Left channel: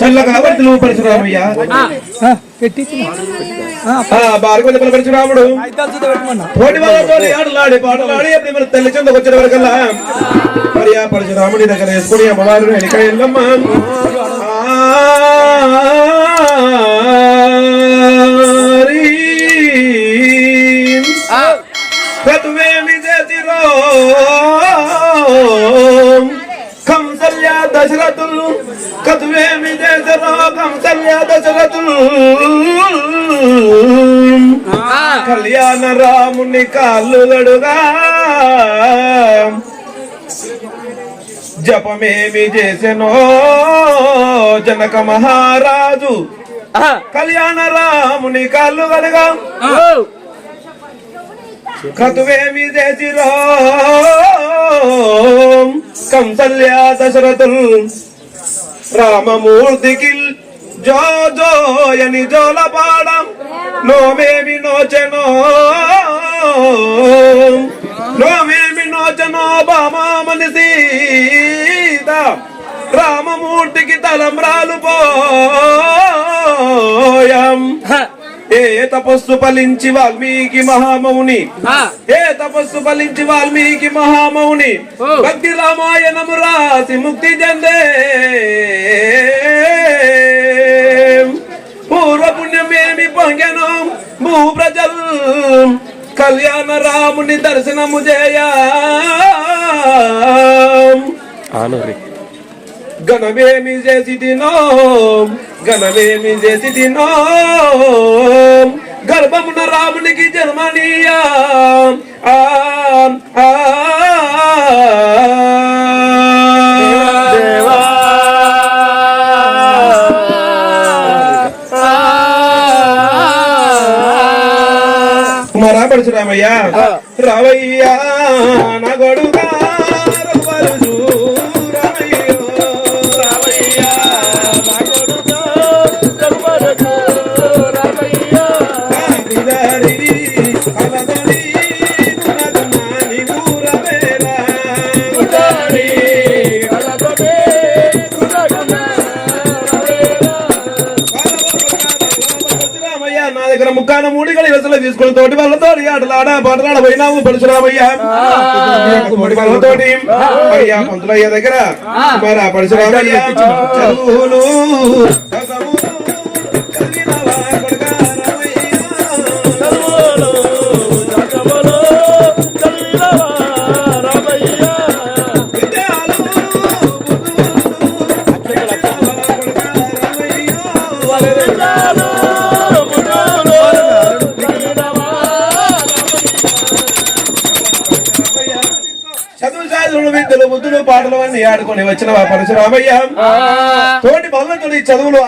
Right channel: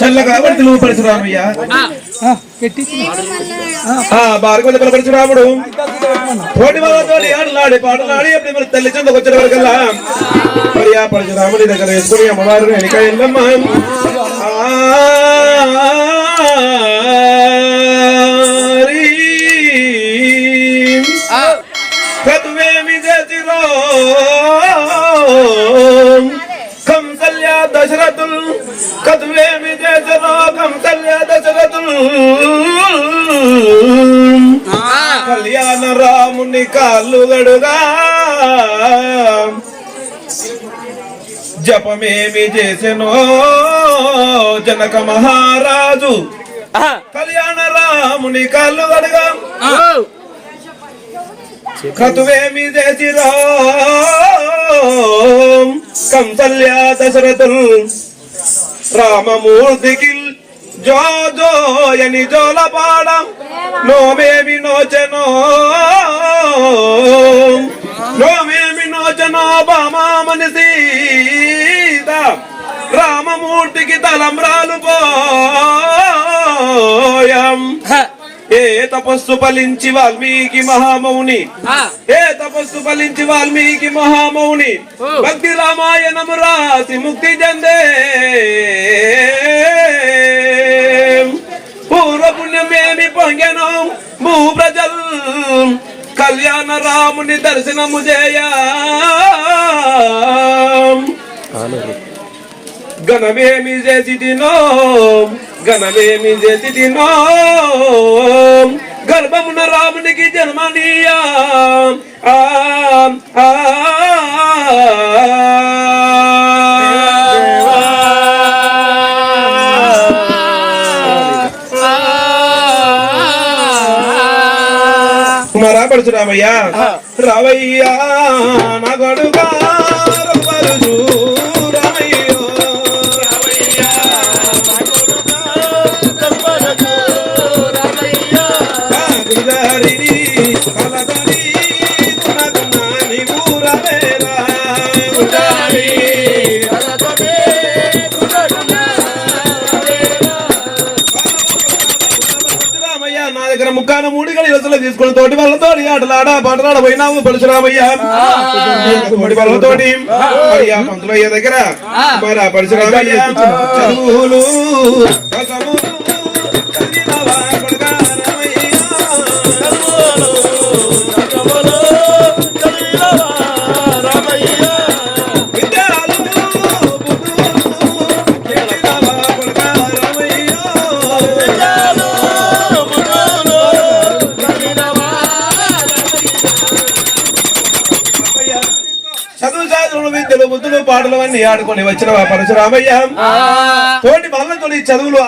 చల్లగా వర్తిలు పరశురామయ్య. బారకొండ పరశురాముడు. తోటి వాళ్ళతో ఆటలాడి పాటలాడి అప్పుడు మరి తల్లి చెందకు వచ్చిన వరకల్లా మరి ఆ పరశురాముడి దగ్గర వేసుకుని అమ్మవారు వెనక వెళ్ళమ్మ కదువేమి చేసిరో కంసల్య దశరథులు కదువేమి చేసిరో కంసల్య దశరథులు. కళ్యాణ రాముని కాళ్ళు గడుగా జపమేమి చేసెనో జనక మహారాజు. కళ్యాణ రాముని కాళ్ళు గడుగా క్రతువేమి చేసిరో కంసల్యా దశరథుల్ రామమూర్తికి జో జోయని జోలపాడం నోమేమి నోచనో నోమేమి నోచనో బామామని సీత రామమూర్తికి తలంబ్రాలు పోయం ఏ తపస్సు ఫలించి వాల్మీకి మహామౌని? ఏ తపస్సు ఫలించి వాల్మీకి మహామౌని? భక్తి రామాయణము రాసి ముక్తి చెందే. పూర్వ పుణ్యమేమి పొంగెను? భూ ప్రజల్ కళ్యాణ రాముని దర్శనము చేయ. గణమేమి చేసి తినో గణమేమి చేసి తినో గర్భమున రామునికి జన్మనీయా ఆ, ఆ, కుమారా పరశురామయ్యా రావయ్యా నా గడుగా ముక్కాన మూడిగల యువతలు తీసుకుని తోటి వాళ్ళతో ఆటలాడ పాటలాడ పోయినాము పరశురామయ్య. తోటి వాళ్ళతోటి. మరి ఆ పంతులయ్య దగ్గర మరి ఆ పరశురామయ్య. చదువులు. సాధులు విద్యలు బుద్ధులు పాటలు అన్ని ఆడుకొని వచ్చిన పరశురామయ్య. తోటి మల్లతోటి చదువులు